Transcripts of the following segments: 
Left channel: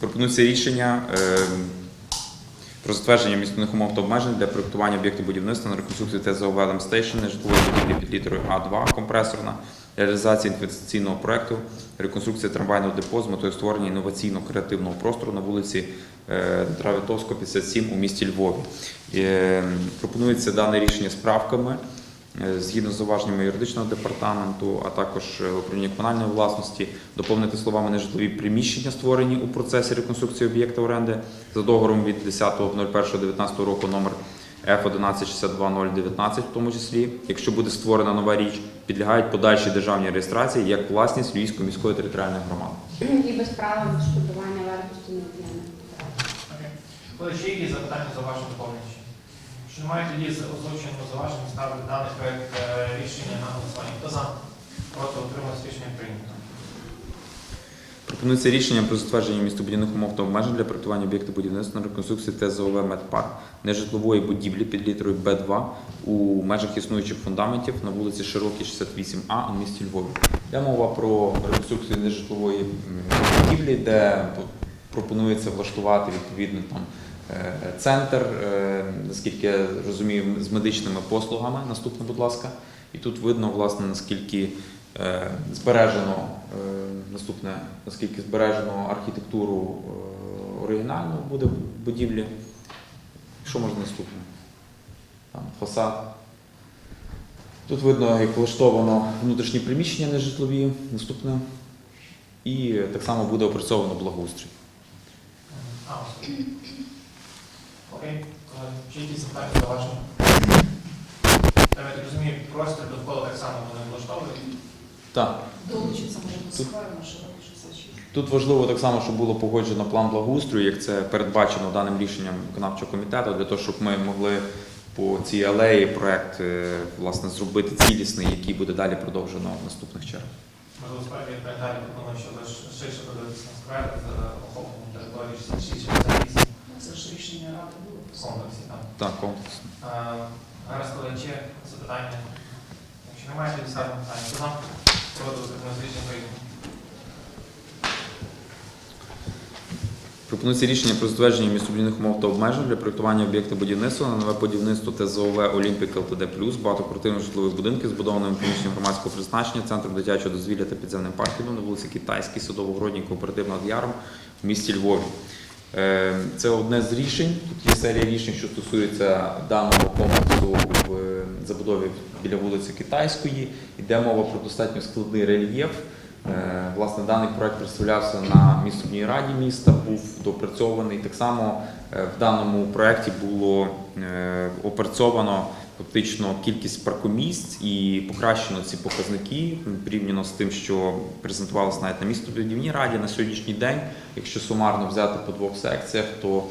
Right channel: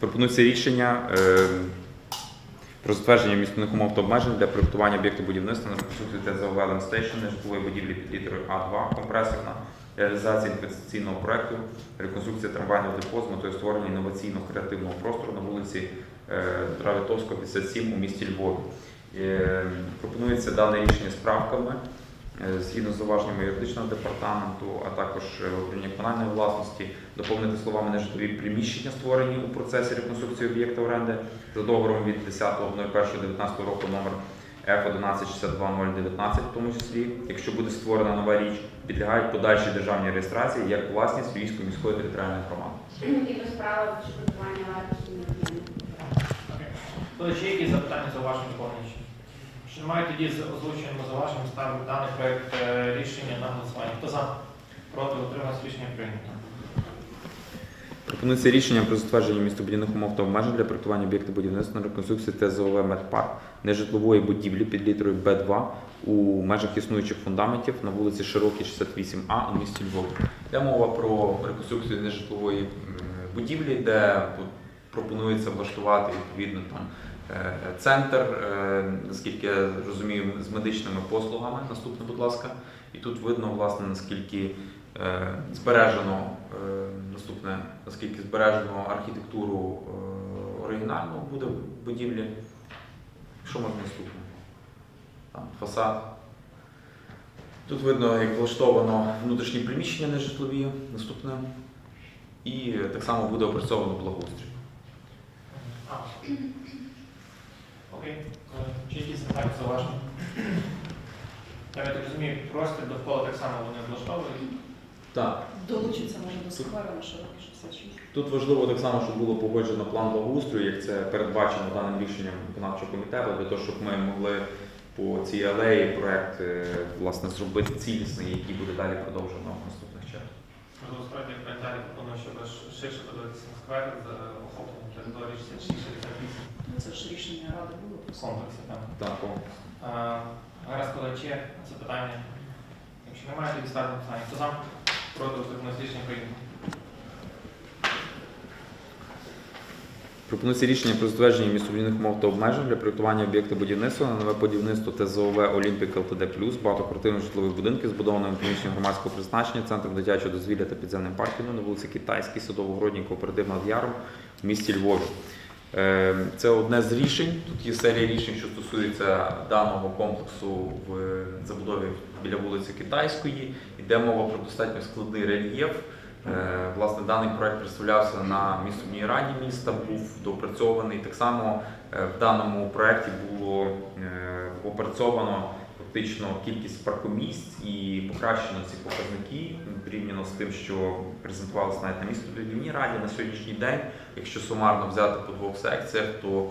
Пропонується рішення е, про затвердження місцевих умов та обмежень для проєктування об'єкту будівництва на реконструкцію ТЗОВ «Елем-Стейшн» житлової будівлі під літерою А2 компресорна, реалізація інвестиційного проєкту, реконструкція трамвайного депо з метою створення інноваційного креативного простору на вулиці е, Дмитра Витовського, 57 у місті Львові. Е, Пропонується дане рішення з правками згідно з зауваженнями юридичного департаменту, а також е, управління комунальної власності, доповнити словами нежитлові приміщення, створені у процесі реконструкції об'єкта оренди за договором від 10.01.19 року номер F1162019 в тому числі, якщо буде створена нова річ, підлягають подальшій державній реєстрації як власність Львівської міської територіальної громади. І без права відшкодування вартості. Тож є запитання за вашим доповненням? Що немає тоді з озвучуємо за вашим ставити даний проект е, рішення на голосування. Хто за? Проти утримався рішення прийнято. Пропонується рішення про затвердження містобудівних умов та обмежень для проєктування об'єкту будівництва на реконструкції ТЗОВ «Медпарк» нежитлової будівлі під літерою Б2 у межах існуючих фундаментів на вулиці Широкій, 68А у місті Львові. Йде мова про реконструкцію нежитлової будівлі, де пропонується влаштувати відповідно там центр, е, наскільки я розумію, з медичними послугами. Наступне, будь ласка. І тут видно, власне, наскільки е, збережено е, наступне, наскільки збережено архітектуру е, оригінальну буде будівлі. Що можна наступне? Там фасад. Тут видно, як влаштовано внутрішні приміщення нежитлові. Наступне. І так само буде опрацьовано благоустрій. Окей. Е, Чи якісь запитання за вашим? Я так розумію, просто довкола так само вони влаштовують. Так. Долучиться може до широкий 66. Тут важливо так само, щоб було погоджено план благоустрою, як це передбачено даним рішенням виконавчого комітету, для того, щоб ми могли по цій алеї проект е, власне зробити цілісний, який буде далі продовжено в наступних чергах. Можливо, справді я далі щоб ш- ширше подивитися на сквер з охопленням території 66 Ну, Це ж рішення ради було. Комплексі там. Так, комплексно. А, Раз, коли є запитання, якщо немає, тоді ставимо питання. Хто нам проти утримався рішення? Пропонується рішення про затвердження містобудівних умов та обмежень для проєктування об'єкта будівництва на нове будівництво ТЗОВ Олімпік ЛТД Плюс, багатоквартирних житлових будинків, збудованими приміщенням громадського призначення, центром дитячого дозвілля та підземним паркінгом на вулиці Китайській, Садово-Городній, кооператив над Яром в місті Львові. Е, Це одне з рішень. Тут є серія рішень, що стосується даного комплексу в е, забудові біля вулиці Китайської. Йде мова про достатньо складний рельєф. Е, Власне, даний проект представлявся на містобній раді міста, був допрацьований. Так само е, в даному проекті було опрацьовано фактично кількість паркомісць і покращено ці показники порівняно з тим, що презентувалося навіть на містобудівній раді на сьогоднішній день. Якщо сумарно взяти по двох секціях, то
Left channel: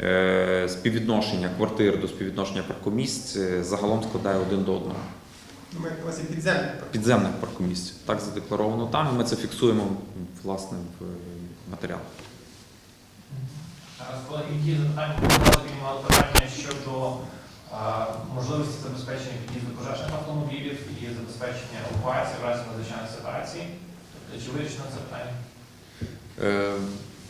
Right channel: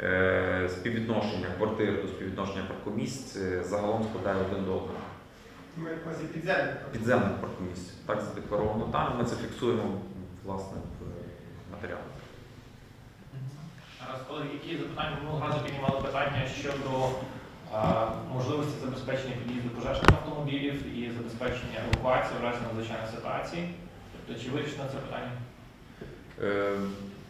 е, співвідношення квартир до співвідношення паркомісць е, загалом складає один до одного Ми на увазі підземні. підземних паркомісць. Так задекларовано там. і Ми це фіксуємо власне в е, матеріалі. Зараз, коли які запитання, одразу піднімали питання щодо а, можливості забезпечення під'їзду пожежних автомобілів і забезпечення евакуації в разі надзвичайної ситуації. Тобто, чи це питання? Е,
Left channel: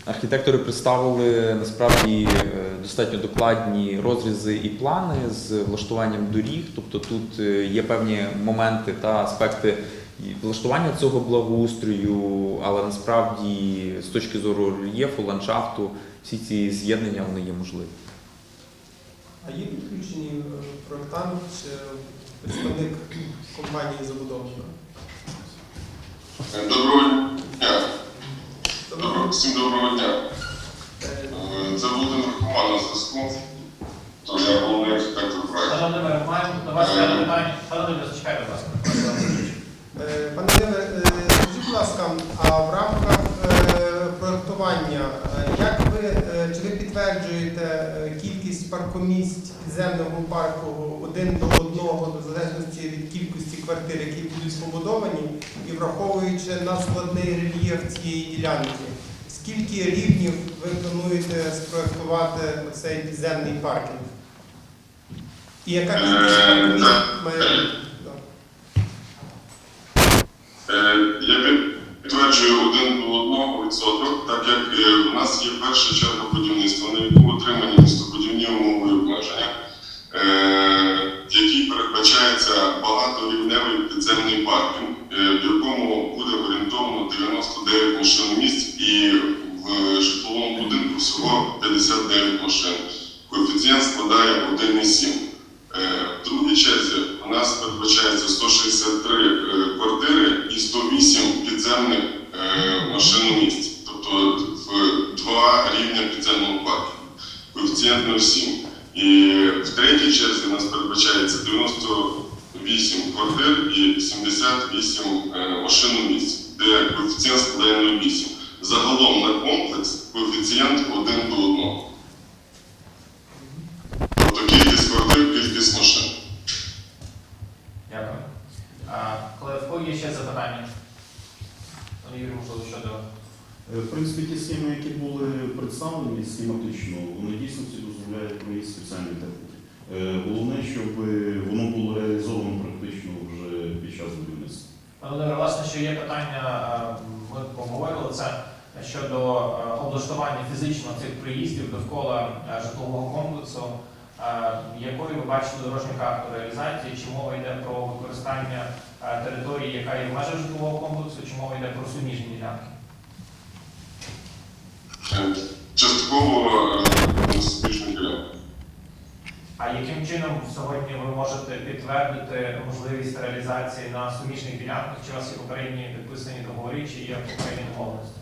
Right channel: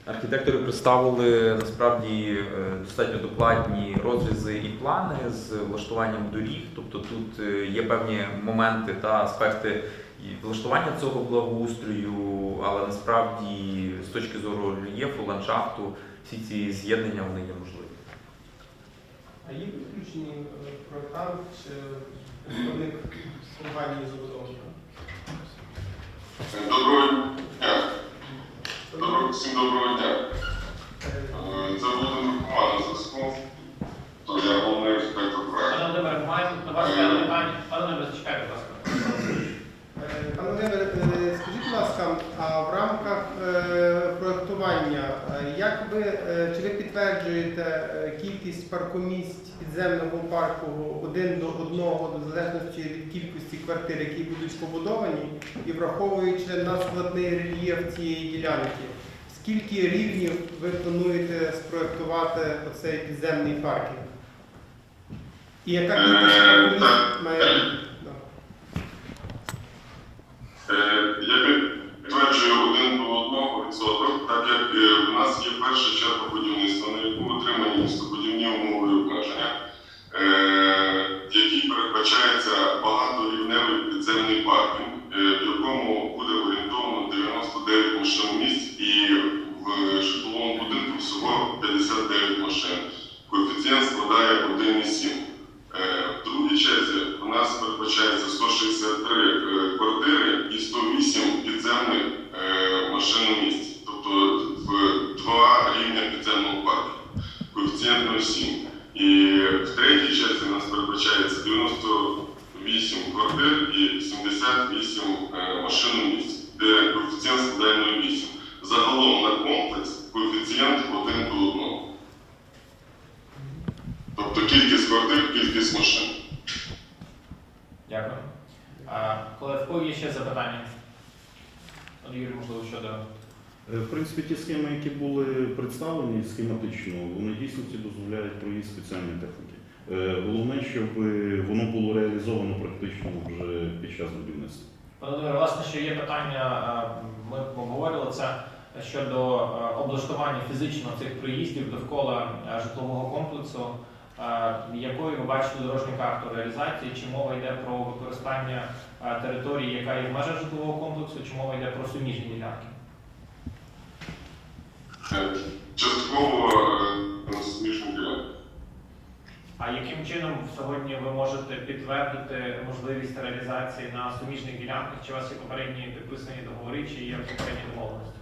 Архітектори представили насправді е, достатньо докладні розрізи і плани з влаштуванням доріг. Тобто тут е, є певні моменти та аспекти влаштування цього благоустрою, але насправді з точки зору рельєфу, ландшафту, всі ці з'єднання вони є можливі. А є підключений е, проєктант чи представник компанії забудовника? Доброго дня. Доброго, всім доброго дня. е, Е, Це Володимир Куман на зв'язку. То я головний архітектор проекту. Пане Володимир, маємо вас питання. Пане Володимир, зачекайте, будь ласка. е, Пане Володимир, е, скажіть, будь ласка, а в рамках е, проєктування, е, як ви, е, чи ви підтверджуєте е, кількість паркомісць підземного парку один до одного, до залежності від кількості квартир, які будуть побудовані, і враховуючи на складний рельєф цієї ділянки? Скільки рівнів ви плануєте спроектувати оцей підземний паркінг? І яка кількість має? Е, Я підтверджую один до одного відсоток, так як е, у нас є перша черга будівництва, на яку отримані містобудівні умови обмеження, 68 машин у де коефіцієнт складає 0,8. Загалом на комплекс коефіцієнт 1 до 1. Є питання, е, ми поговорили це щодо е, облаштування фізично цих приїздів довкола е, житлового комплексу. Якою ви бачите дорожню карту реалізації? Чи мова йде про використання території, яка є в межах житлового комплексу, чи мова йде про суміжні ділянки? Частково. А яким чином сьогодні ви можете підтвердити можливість реалізації на суміжних ділянках? Чи у вас є попередні підписані договори, чи є попередні домовленості?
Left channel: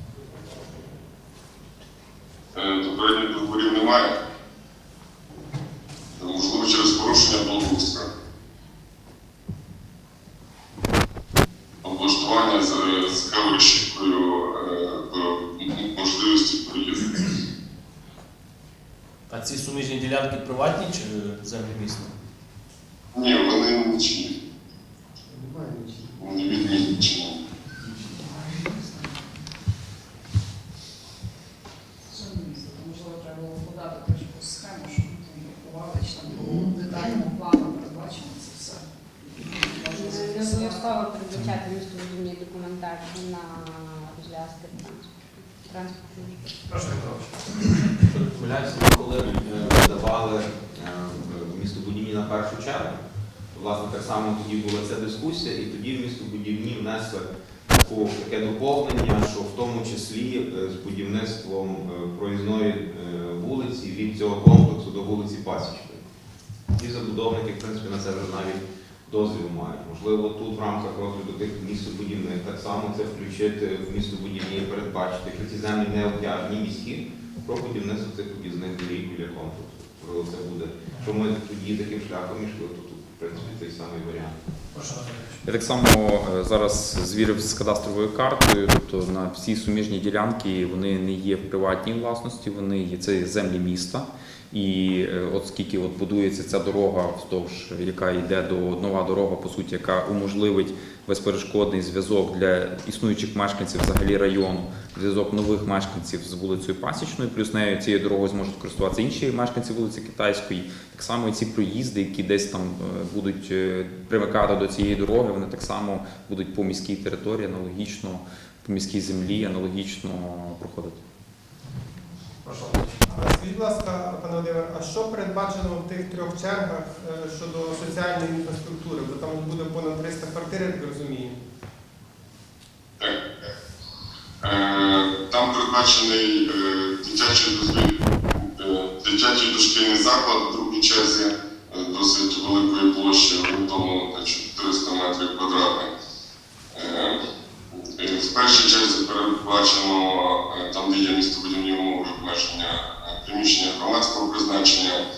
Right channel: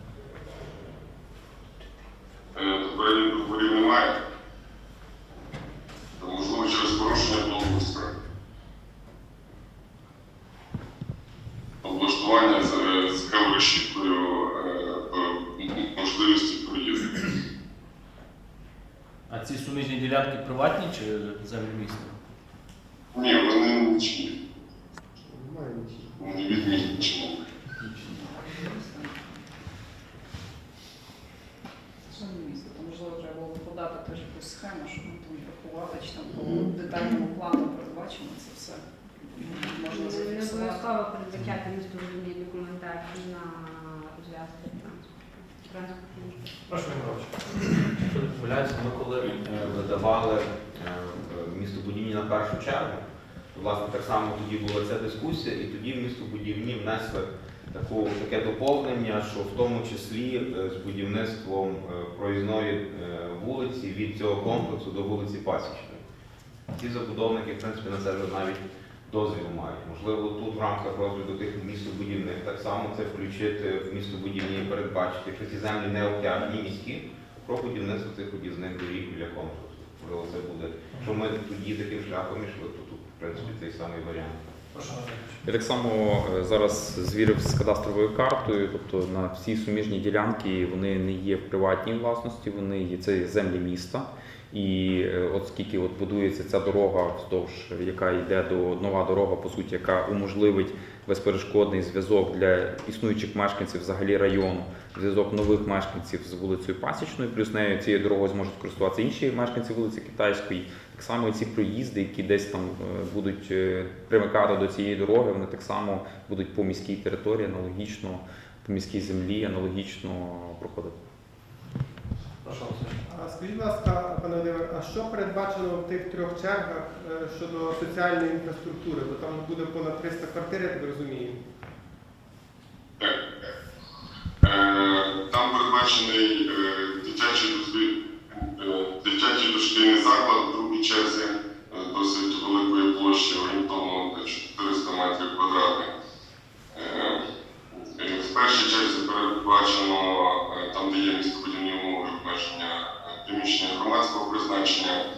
Е, Попередніх договорів немає. Е, Можливо, через порушення благоустрою. Облаштування з, з ці суміжні ділянки приватні чи землі міста? Ні, вони нічні. Вони відмінні. Шановні місто, то можливо треба було подати теж якусь схему, щоб ми там рахували, чи там по детальному плану передбачено це все. Можна Не зафіксувати. обов'язково передбачати містобудівні документації на розв'язки транспорту. Прошу, Петрович. Якщо не помиляюся, ми коли е, видавали е, містобудівні на першу чергу, то, власне, тоді була ця дискусія, і тоді містобудівні внесли таке доповнення, що в тому числі е, з будівництвом е, проїзної е, вулиці від цього комплексу до вулиці Пасічної. Ті забудовники, в принципі, на це вже навіть дозвіл мають. Можливо, тут в рамках розгляду тих містобудівних так само це включити в містобудівні і передбачити, якщо ці землі не обтяжені міські, про будівництво цих об'їзних доріг біля комплексу. Можливо, це буде. Якщо ми тоді таким шляхом в принципі, цей самий варіант. Я так само е, зараз звірив з кадастровою картою, тобто на всі суміжні ділянки вони не є в приватній власності, вони є це землі міста. І е, от скільки от будується ця дорога, вздовж яка йде до нова дорога, по суті, яка уможливить безперешкодний зв'язок для існуючих мешканців взагалі району, зв'язок нових мешканців з вулицею Пасічною, плюс нею цією дорогою зможуть користуватися інші мешканці вулиці Китайської. Так само ці проїзди, які десь там е, будуть е, примикати до цієї дороги, вони так само будуть по міській території аналогічно, по міській землі аналогічно проходити. Прошу, Скажіть, будь ласка, пане Володимир, а що передбачено в тих трьох чергах е, щодо соціальної інфраструктури? Бо там буде понад 300 квартир, як ви розумієте. Так. Там передбачений дитячий дозвіль, дитячий дошкільний заклад другій черзі е, досить великої площі, орієнтовно на 400 метрів квадратних. Е, е, В першій черзі передбачено там, де є містобудівні умови обмеження приміщення громадського призначення,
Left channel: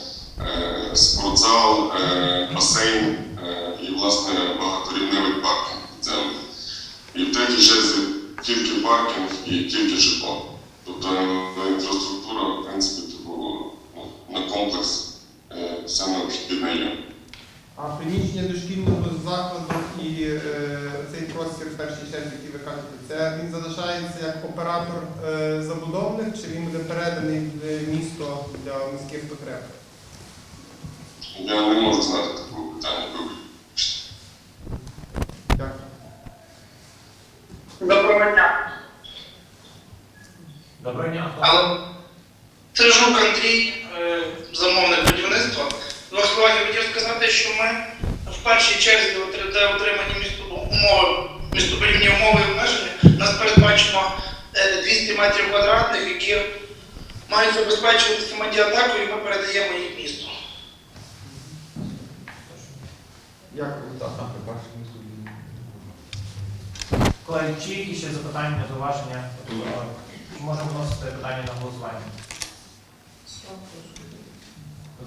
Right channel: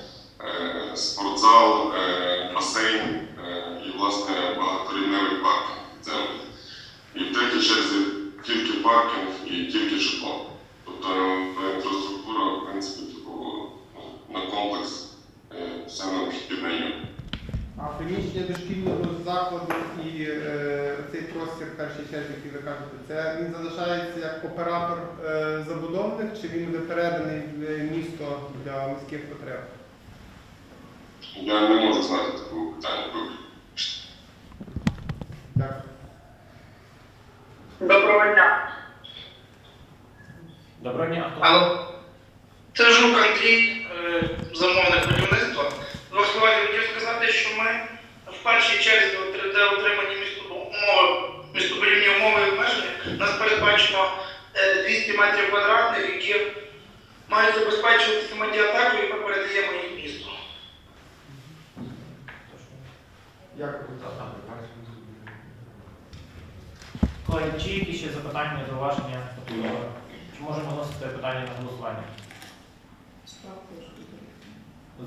спортзал, басейн і, власне, багаторівневий паркінг підземний. І в третій черзі тільки паркінг і тільки житло. Тобто інфраструктура, в принципі, типу, ну, на комплекс е, все необхідне є. А приміщення дошкільного закладу і е, цей простір в першій черзі, який ви кажете, це він залишається як оператор е, забудовник, чи він буде переданий в місто для міських потреб? Я не можу знати такого питання. Дякую. Доброго дня. Хто? Це Жук Андрій, е, замовник будівництва. Двох я хотів сказати, що ми в першій черзі, отри- де отримані місто умови, містобудівні умови і обмеження, у нас передбачено е, 200 метрів квадратних, які мають забезпечувати самодіатаку, і ми передаємо їх місту. Дякую. Колеги, чи які ще запитання, зауваження? Е, можемо вносити питання на голосування?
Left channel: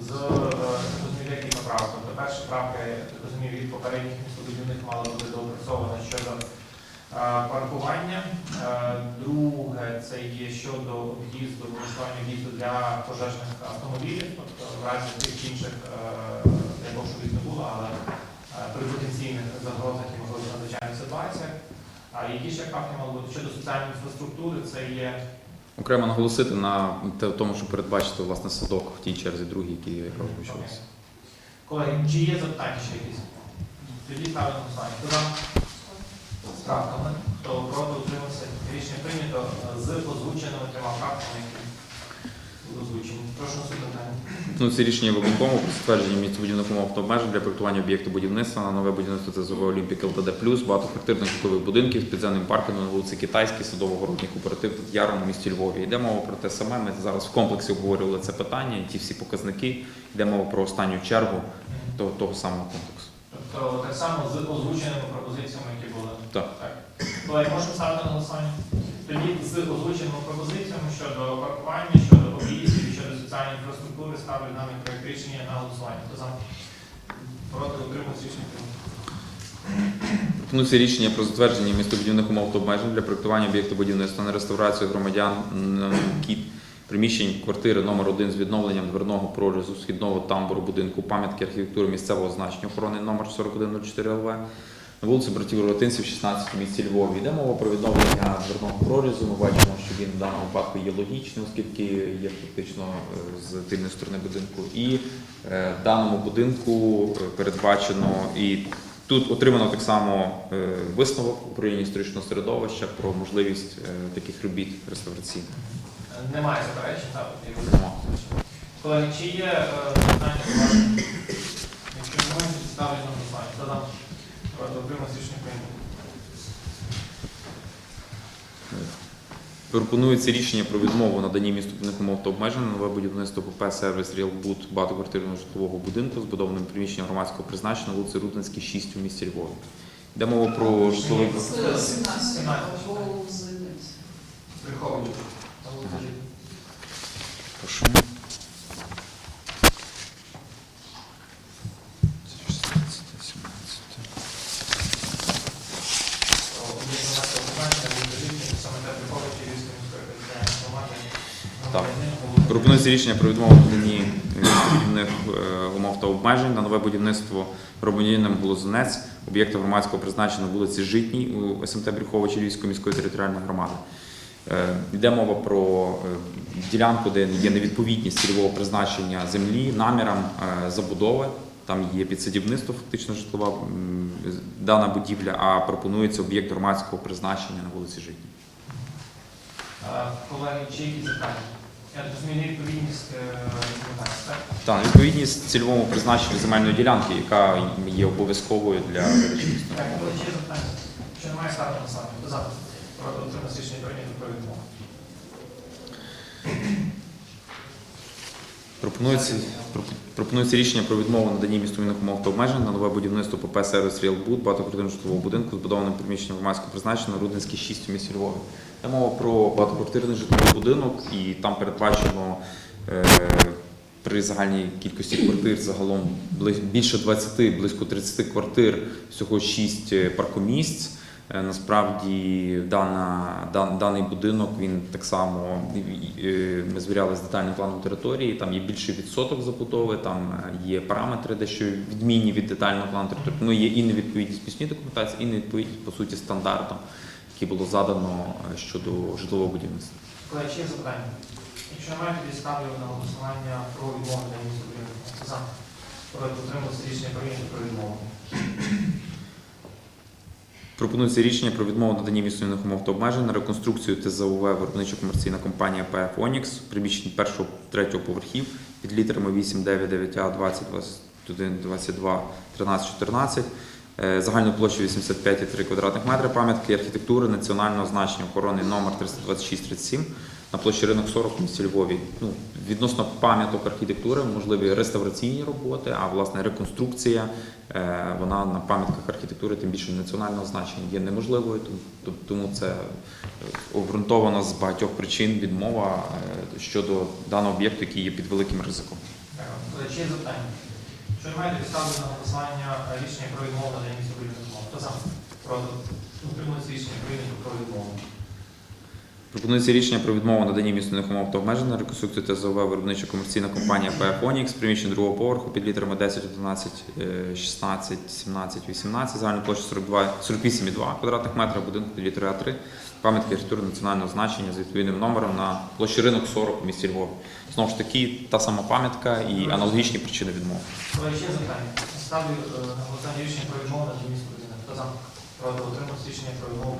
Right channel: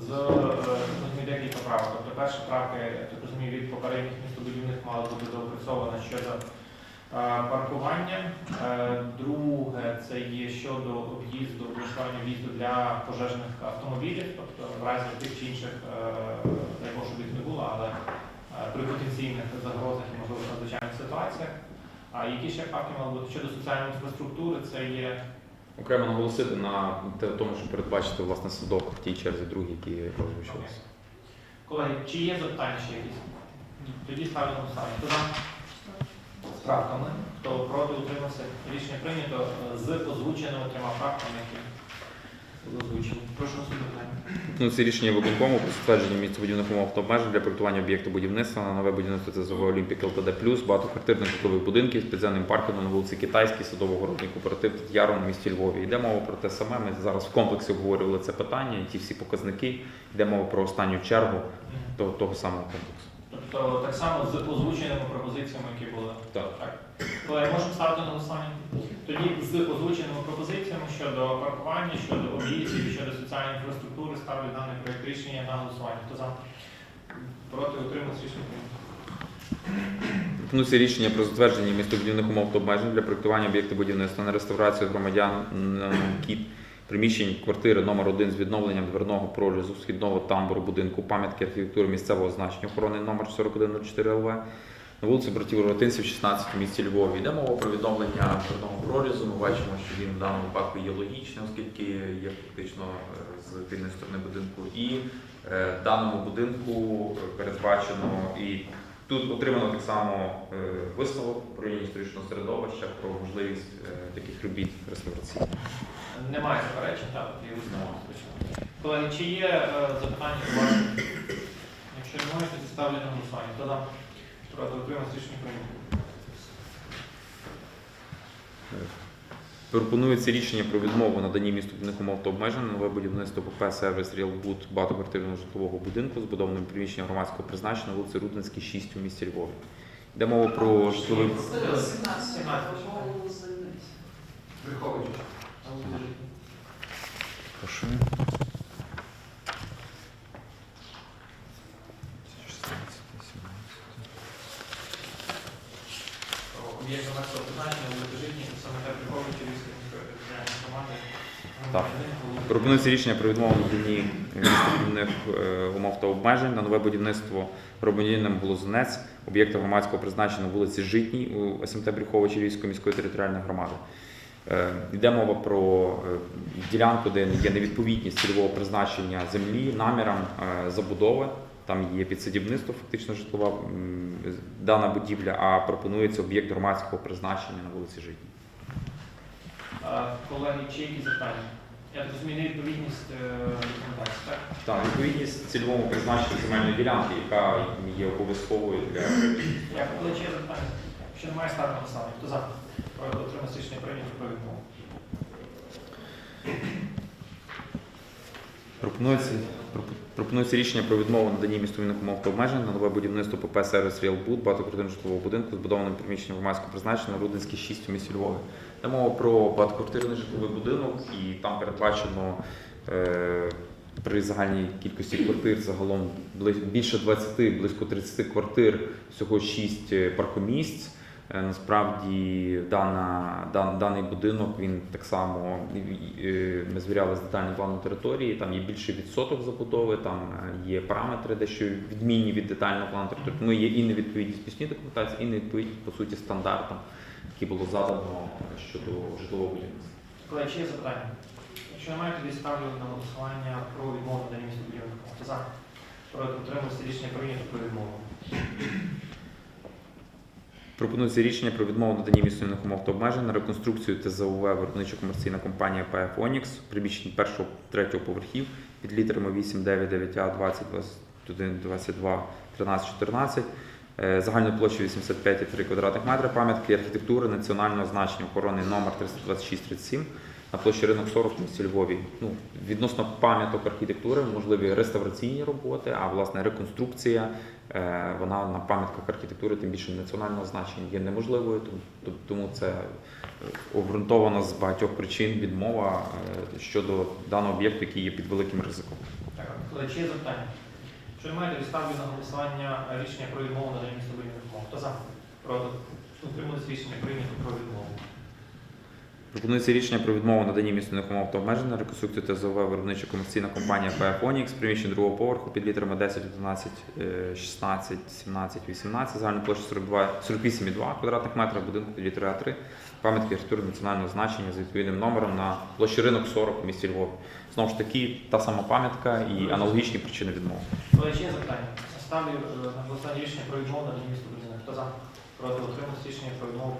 З е, розумію, декілька. Тобто я так розумію, від попередніх містобудівних мала бути доопрацьована щодо е, паркування. Е, Друге, це є щодо в'їзду, влаштування в'їзду для пожежних автомобілів, тобто в разі тих інших, не можу їх не було, але при потенційних загрозах і можливо надзвичайних ситуаціях. А які ще правки мали бути щодо соціальної інфраструктури, це є Окремо наголосити на тому, що передбачити власне садок в тій черзі другій, які озвучувалися. колеги, чи є запитання ще якісь? Тоді ставимо голосування. Хто проти утримався? Рішення прийнято е, з озвученими трьома правками, які озвучені. Прошу наступне питання. Ну, це рішення виконкому про затвердження містобудівних умов та обмежень для проєктування об'єкту будівництва на нове будівництво ТЗОВ Олімпік ЛТД+, багатоквартирних житлових будинків з підземним паркінгом на вулиці Китайській, садово-городній кооператив Яру на місті Львові. Йде мова про те саме. Ми зараз в комплексі обговорювали це питання, і ті всі показники. Йде мова про останню чергу того, того самого комплексу. Тобто так само з озвученими пропозиціями, які були. Так. Колеги, можемо ставити на голосування? Тоді з озвученими пропозиціями щодо паркування, щодо об'їздів інфраструктури ставлю даний проект рішення на голосування. Хто за? Проти утримався рішення. Пропонується рішення про затвердження містобудівних умов та обмежень для проєктування об'єкту будівництва на реставрацію громадян кіт приміщень квартири номер 1 з відновленням дверного прорізу східного тамбуру будинку пам'ятки архітектури місцевого значення охорони номер 4104 ЛВ на вулиці братів Ротинців, 16 в місті Львові. Йде мова про відновлення дверного прорізу. Ми бачимо, він в даному випадку є логічним, оскільки є фактично е, з тильної сторони будинку. І е, в даному будинку е, передбачено і Тут отримано так само висновок управління історичного середовища про можливість таких робіт реставраційних. Немає заперечень, так. Колеги, чи є питання? Якщо немає, ставлю на голосування. Хто за? Проти утримався рішення прийнято. Пропонується рішення про відмову наданні містобудівних умов та обмежень на нове будівництво ПП сервіс Рілбуд багатоквартирного житлового будинку, збудованим приміщенням громадського призначення на вулиці Рудницькій, 6 у місті Львові. Йде мова про житловий З 17 голову займається. Приховуючи. Прошу. Є до нас обмеження, відповідно, саме те приховуючи Львівської міської територіальної громади. Так. Пропонується рішення про відмову в містобудівних е, умов та обмежень на нове будівництво громадянином Блозинець, об'єкту громадського призначення на вулиці Житній у СМТ Брюховичі Львівської міської територіальної громади. Е, Йде мова про е, ділянку, де є невідповідність цільового призначення землі, намірам е, забудови. Там є підсадівництво, фактично житлова дана будівля, а пропонується об'єкт громадського призначення на вулиці Житній. Колеги, чи які запитання? Я розумію, невідповідність е, документації, так? Так, відповідність цільовому призначенню земельної ділянки, яка є обов'язковою для Дякую. Коли ще запитання? Якщо немає, ставте на сам. Хто за? Проти утримався рішення прийнято про відмову. пропонується, пропо- пропонується рішення про відмову наданні містобудівних умов та обмежень на нове будівництво ПП сервіс Ріалбуд багатоквартирного житлового будинку, збудованим приміщенням громадського призначення на Рудинській 6 у місті Львові. Йде мова про багатоквартирний житловий будинок, і там передбачено е, при загальній кількості квартир загалом більше 20, близько 30 квартир, всього 6 паркомісць. Е, Насправді дана, дан, даний будинок він так само е, ми звіряли з детальним планом території. Там є більший відсоток забудови, там е, є параметри, дещо відмінні від детального плану території. Ну є і невідповідність постійної документації, і невідповідність по суті стандартам, які було задано е, щодо житлового будівництва. Колеги, чи є запитання? Якщо немає, тоді ставлю на голосування про місто будівництва. Хто за? Проти утримався рішення прийнято про відмову. Пропонується рішення про відмову наданні місцевих умов та обмежень на реконструкцію ТЗОВ виробничо-комерційна компанія ПФ Онікс в приміщенні першого третього поверхів під літерами 8, 9, 9А, 20, 21, 22, 13, 14. Е, Загальною площею 85,3 квадратних метри пам'ятки архітектури національного значення охорони номер 32637 на площі ринок 40 в місті Львові. Ну, відносно пам'яток архітектури можливі реставраційні роботи, а власне реконструкція е, вона на пам'ятках архітектури, тим більше національного значення, є неможливою. Тому- це обґрунтовано з багатьох причин відмова е, щодо даного об'єкту, який є під великим ризиком. Е, є запитання? Що ви маєте ставити на голосування рішення про відмову надання містобудівних умов? Хто за? Проти? Утримується рішення прийнято про відмову. Пропонується рішення про відмову наданні місцевих умов та обмежень на реконструкцію ТЗОВ виробнича комерційна компанія ПФ Онікс, приміщення другого поверху під літерами 10, 11, е, 16, 17, 18, загальна площа 42, 48,2 квадратних метрів, будинку під літерою А3, пам'ятки архітектури національного значення з відповідним номером на площі ринок 40 в місті Львов. Знову ж таки, та сама пам'ятка і аналогічні причини відмови. Ну, ще запитання. Ставлю голосування е, рішення про відмову на місто. Е, хто за? Про отримав рішення про відмову